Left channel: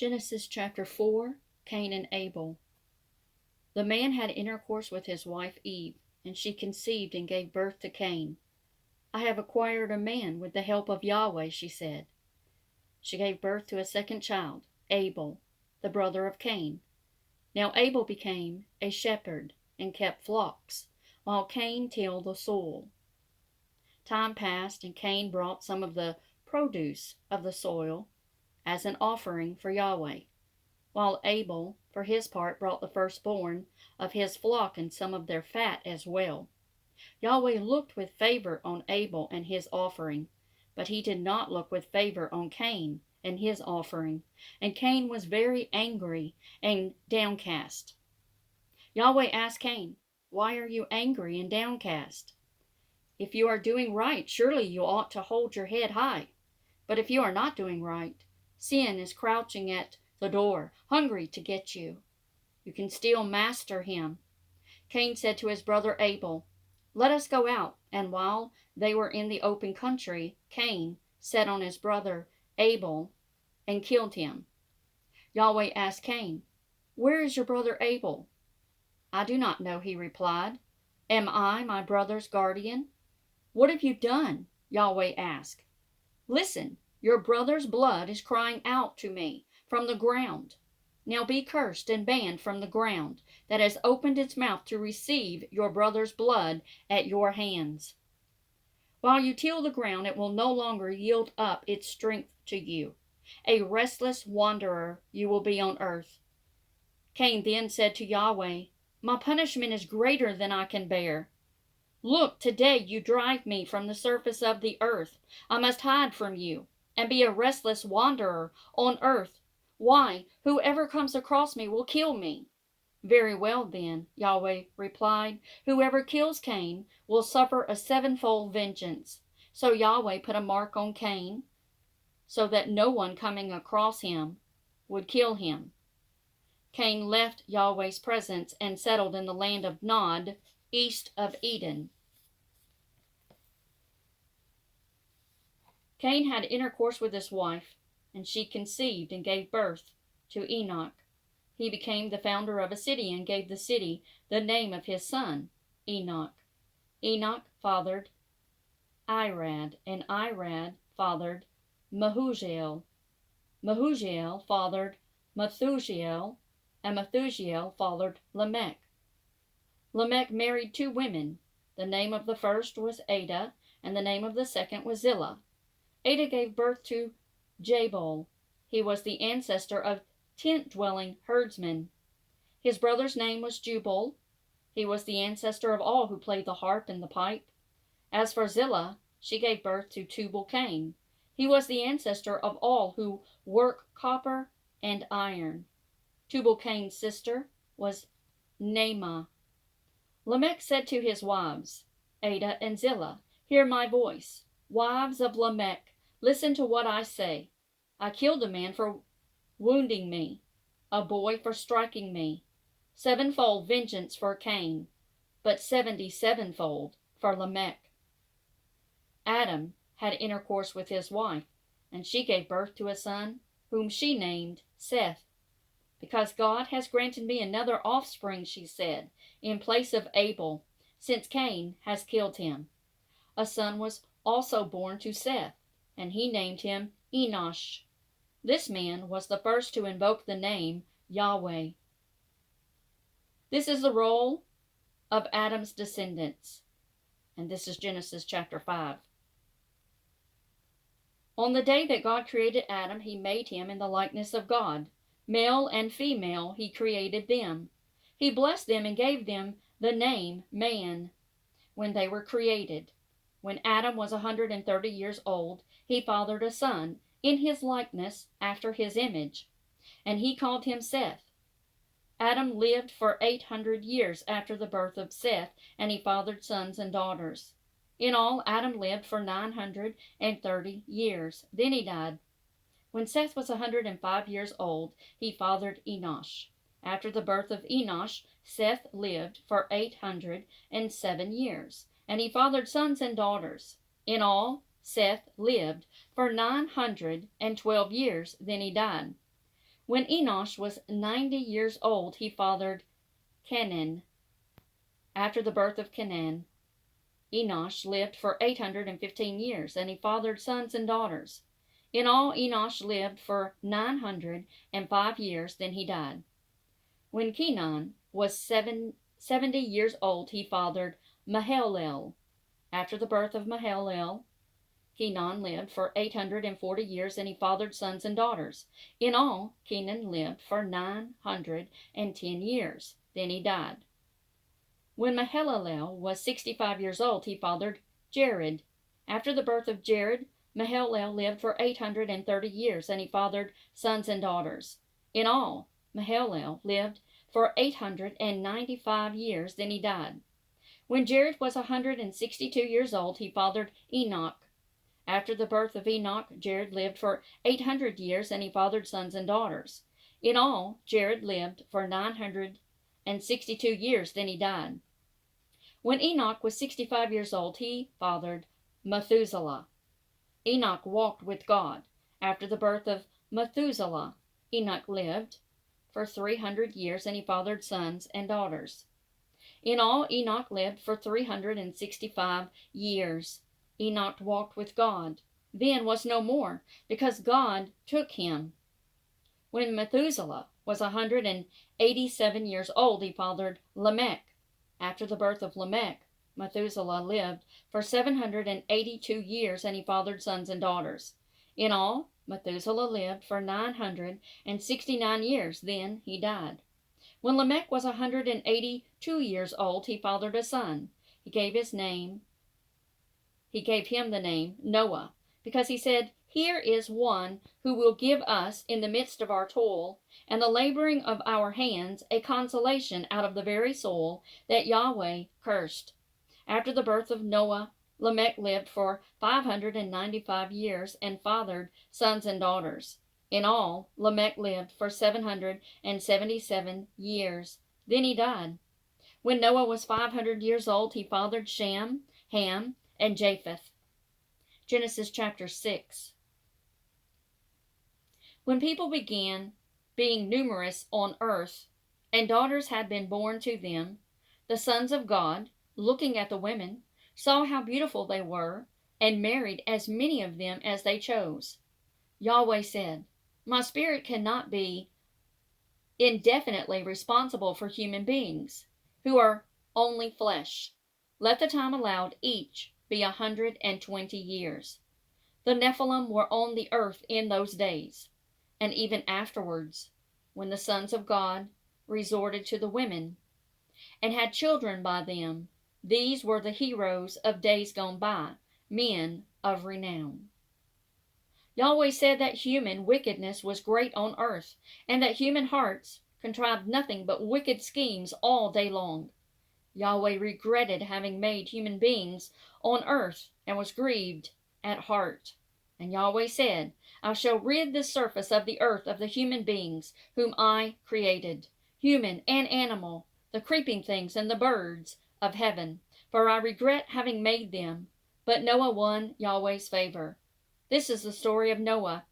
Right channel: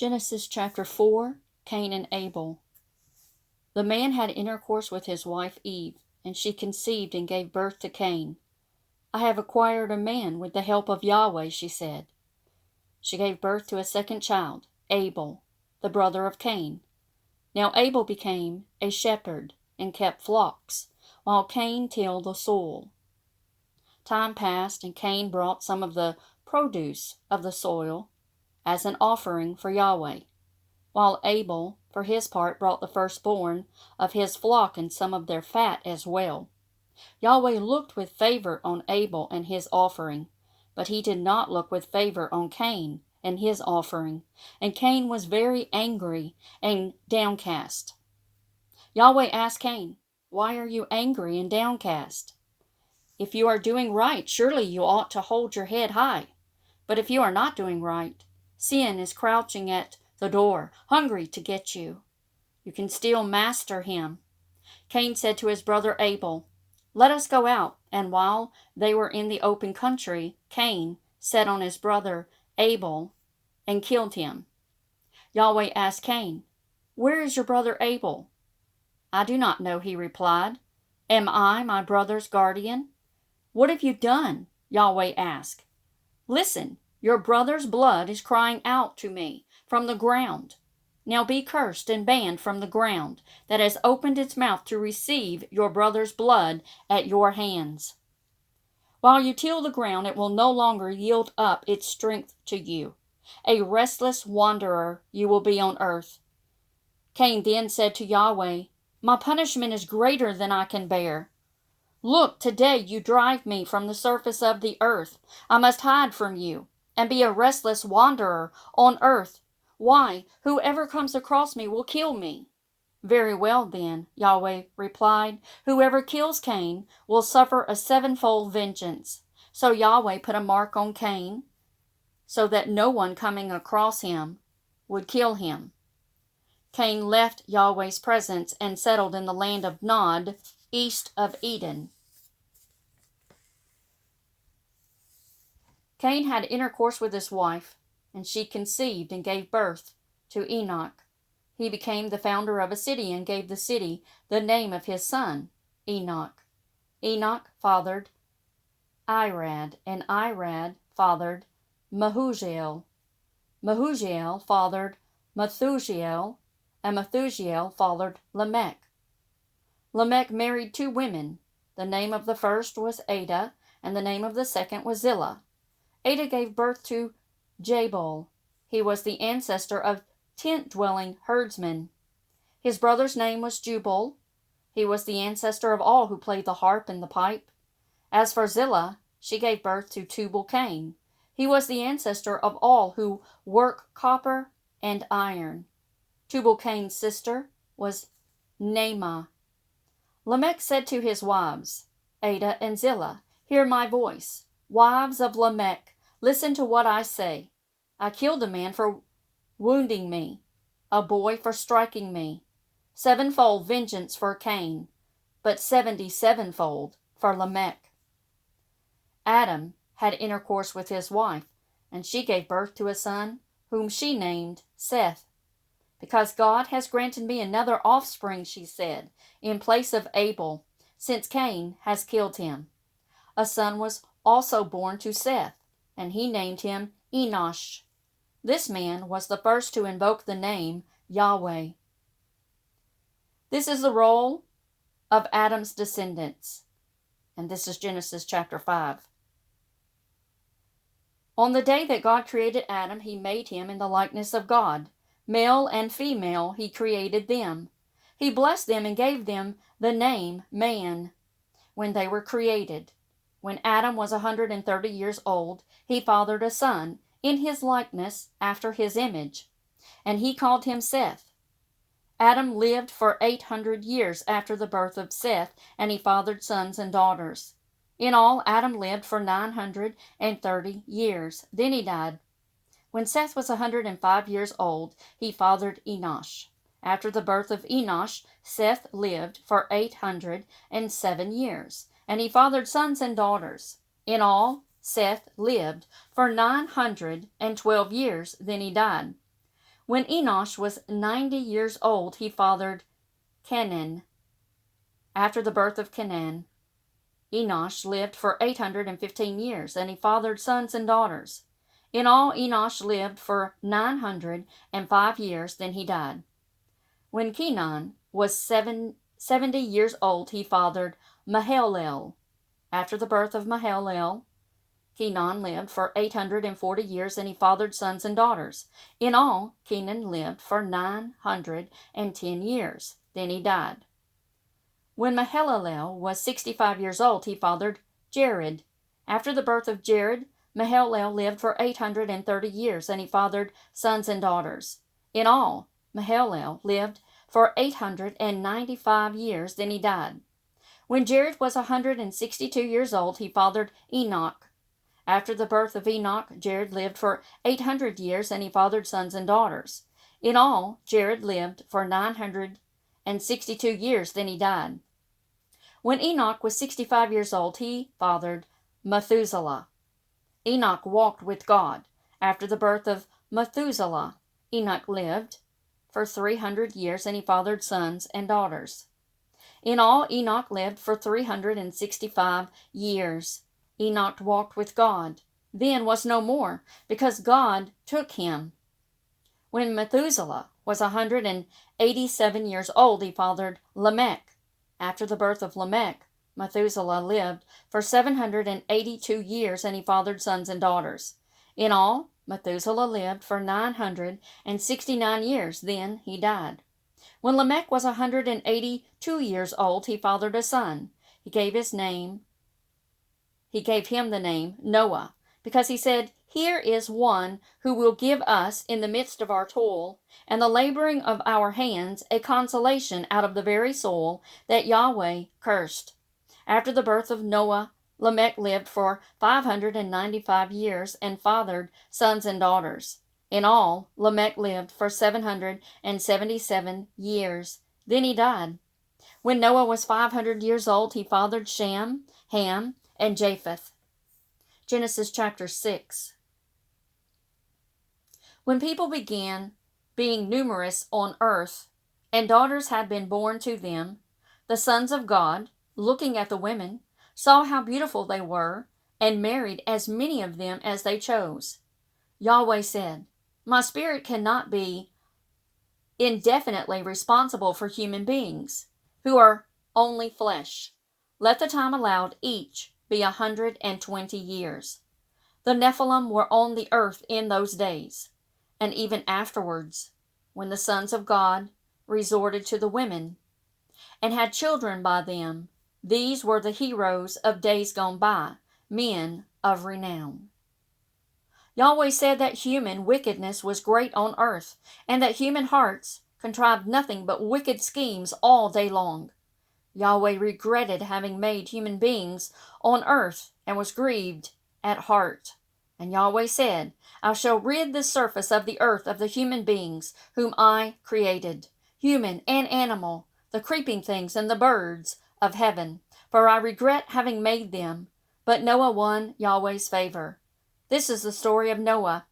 Genesis chapter 4, Cain and Abel. The man had intercourse with his wife Eve, and she conceived and gave birth to Cain. I have acquired a man with the help of Yahweh, she said. She gave birth to a second child, Abel, the brother of Cain. Now Abel became a shepherd and kept flocks, while Cain tilled the soil. Time passed, and Cain brought some of the produce of the soil as an offering for Yahweh, while Abel, for his part, brought the firstborn of his flock and some of their fat as well. Yahweh looked with favor on Abel and his offering, but he did not look with favor on Cain and his offering, and Cain was very angry and downcast. Yahweh asked Cain, "Why are you angry and downcast? If you are doing right, surely you ought to hold your head high. But if you are not doing right, sin is crouching at the door, hungry to get you. You can still master him." Cain said to his brother Abel, "Let us go out." And while they were in the open country, Cain set on his brother Abel and killed him. Yahweh asked Cain, "Where is your brother Abel?" "I do not know," he replied. "Am I my brother's guardian?" "What have you done?" Yahweh asked. "Listen, your brother's blood is crying out to me from the ground. Now be cursed and banned from the ground that has opened its mouth to receive your brother's blood at your hands. While you till the ground, it will no longer yield up its strength to you. A restless wanderer you will be on earth." Cain then said to Yahweh, "My punishment is greater than I can bear. Look, today you drive me from the surface of the earth. I must hide from you and be a restless wanderer on earth. Why, whoever comes across me will kill me." "Very well, then," Yahweh replied. "Whoever kills Cain will suffer a sevenfold vengeance." So Yahweh put a mark on Cain so that no one coming across him would kill him. Cain left Yahweh's presence and settled in the land of Nod, east of Eden. Cain had intercourse with his wife, and she conceived and gave birth to Enoch. He became the founder of a city and gave the city the name of his son, Enoch. Enoch fathered Irad, and Irad fathered Mehujael. Mehujael fathered Methujael, and Methujael fathered Lamech. Lamech married two women. The name of the first was Ada, and the name of the second was Zillah. Ada gave birth to Jabal. He was the ancestor of tent-dwelling herdsmen. His brother's name was Jubal. He was the ancestor of all who played the harp and the pipe. As for Zillah, she gave birth to Tubal-Cain. He was the ancestor of all who work copper and iron. Tubal-Cain's sister was Naamah. Lamech said to his wives, Ada and Zillah, "Hear my voice. Wives of Lamech, listen to what I say. I killed a man for wounding me, a boy for striking me. Sevenfold vengeance for Cain, but 77-fold for Lamech." Adam had intercourse with his wife, and she gave birth to a son, whom she named Seth. "Because God has granted me another offspring," she said, "in place of Abel, since Cain has killed him." A son was also born to Seth, and he named him Enosh. This man was the first to invoke the name Yahweh. This is the roll of Adam's descendants, and this is Genesis chapter 5. On the day that God created Adam, he made him in the likeness of God. Male and female he created them. He blessed them and gave them the name man when they were created. When Adam was 130 years old, he fathered a son in his likeness after his image, and he called him Seth. Adam lived for 800 years after the birth of Seth, and he fathered sons and daughters. In all, Adam lived for 930 years. Then he died. When Seth was 105 years old, he fathered Enosh. After the birth of Enosh, Seth lived for 807 years, and he fathered sons and daughters. In all, Seth lived for 912 years. Then he died. When Enosh was 90 years old, he fathered Kenan. After the birth of Kenan, Enosh lived for 815 years, and he fathered sons and daughters. In all, Enosh lived for 905 years, then he died. When Kenan was 70 years old, he fathered Mahalalel. After the birth of Mahalalel, Kenan lived for 840 years, and he fathered sons and daughters. In all, Kenan lived for 910 years. Then he died. When Mahalalel was 65 years old, he fathered Jared. After the birth of Jared, Mahalalel lived for 830 years, and he fathered sons and daughters. In all, Mahalalel lived for 895 years. Then he died. When Jared was 162 years old, he fathered Enoch. After the birth of Enoch, Jared lived for 800 years, and he fathered sons and daughters. In all, Jared lived for 962 years, then he died. When Enoch was 65 years old, he fathered Methuselah. Enoch walked with God. After the birth of Methuselah, Enoch lived for 300 years, and he fathered sons and daughters. In all, Enoch lived for 365 years. Enoch walked with God, then was no more, because God took him. When Methuselah was 187 years old, he fathered Lamech. After the birth of Lamech, Methuselah lived for 782 years, and he fathered sons and daughters. In all, Methuselah lived for 969 years, then he died. When Lamech was 182 years old, he fathered a son. He gave him the name Noah, because he said, "Here is one who will give us, in the midst of our toil and the laboring of our hands, a consolation out of the very soil that Yahweh cursed." After the birth of Noah, Lamech lived for 595 years and fathered sons and daughters. In all, Lamech lived for 777 years. Then he died. When Noah was 500 years old, he fathered Shem, Ham, and Japheth. Genesis chapter 6. When people began being numerous on earth, and daughters had been born to them, the sons of God, looking at the women, saw how beautiful they were, and married as many of them as they chose. Yahweh said, "My spirit cannot be indefinitely responsible for human beings, who are only flesh. Let the time allowed each be 120 years. The Nephilim were on the earth in those days, and even afterwards, when the sons of God resorted to the women, and had children by them. These were the heroes of days gone by, men of renown. Yahweh said that human wickedness was great on earth, and that human hearts contrived nothing but wicked schemes all day long. Yahweh regretted having made human beings on earth, and was grieved at heart. And Yahweh said, "I shall rid the surface of the earth of the human beings whom I created, human and animal, the creeping things and the birds of heaven, for I regret having made them." But Noah won Yahweh's favor. This is the story of Noah.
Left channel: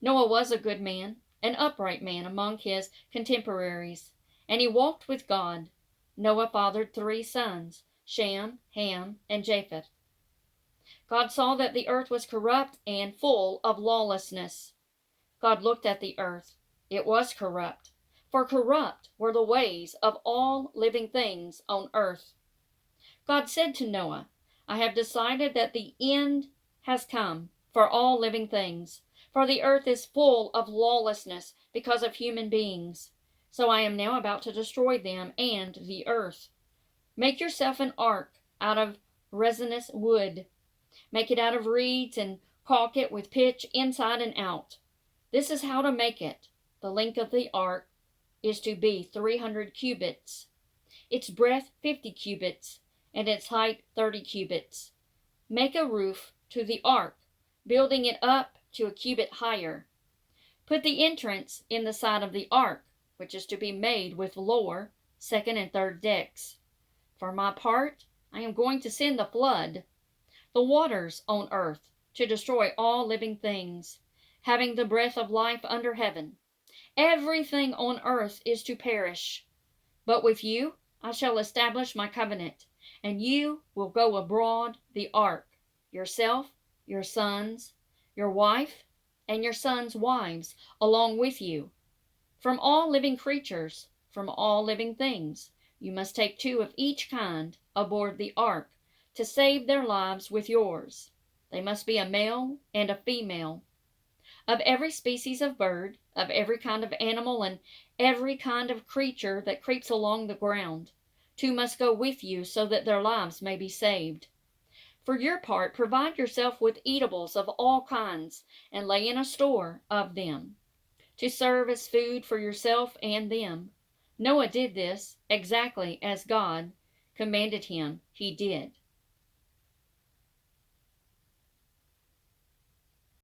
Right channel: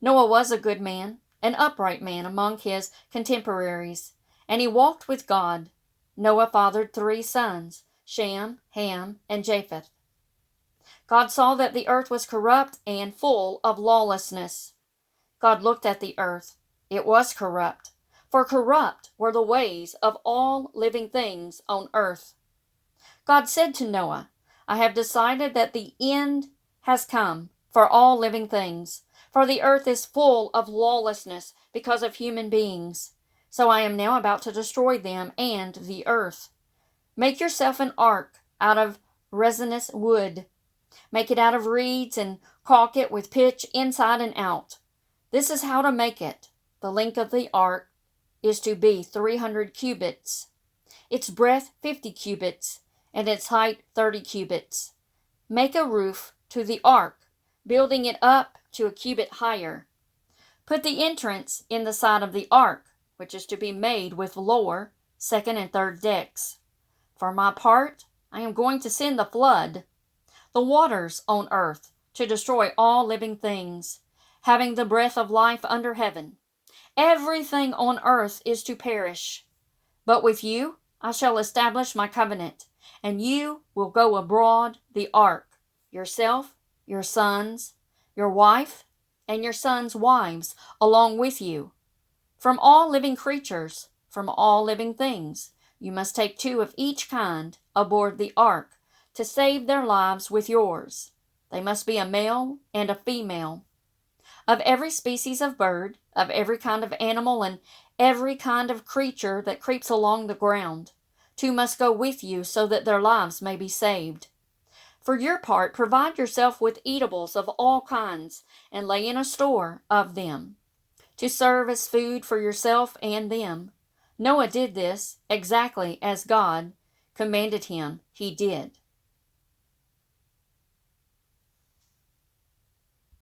Noah was a good man, an upright man among his contemporaries, and he walked with God. Noah fathered 3 sons, Shem, Ham, and Japheth. God saw that the earth was corrupt and full of lawlessness. God looked at the earth. It was corrupt, for corrupt were the ways of all living things on earth. God said to Noah, "I have decided that the end has come for all living things, for the earth is full of lawlessness because of human beings. So I am now about to destroy them and the earth. Make yourself an ark out of resinous wood. Make it out of reeds and caulk it with pitch inside and out. This is how to make it. The length of the ark is to be 300 cubits, its breadth 50 cubits, and its height 30 cubits. Make a roof to the ark, building it up to a cubit higher. Put the entrance in the side of the ark, which is to be made with lower, second, and third decks. For my part, I am going to send the flood, the waters on earth, to destroy all living things, having the breath of life under heaven. Everything on earth is to perish. But with you I shall establish my covenant, and you will go abroad the ark, yourself, your sons, your wife, and your sons' wives along with you. From all living creatures, from all living things, you must take 2 of each kind aboard the ark to save their lives with yours. They must be a male and a female. Of every species of bird, of every kind of animal, and every kind of creature that creeps along the ground, 2 must go with you so that their lives may be saved. For your part, provide yourself with eatables of all kinds, and lay in a store of them, to serve as food for yourself and them. Noah did this exactly as God commanded him. He did.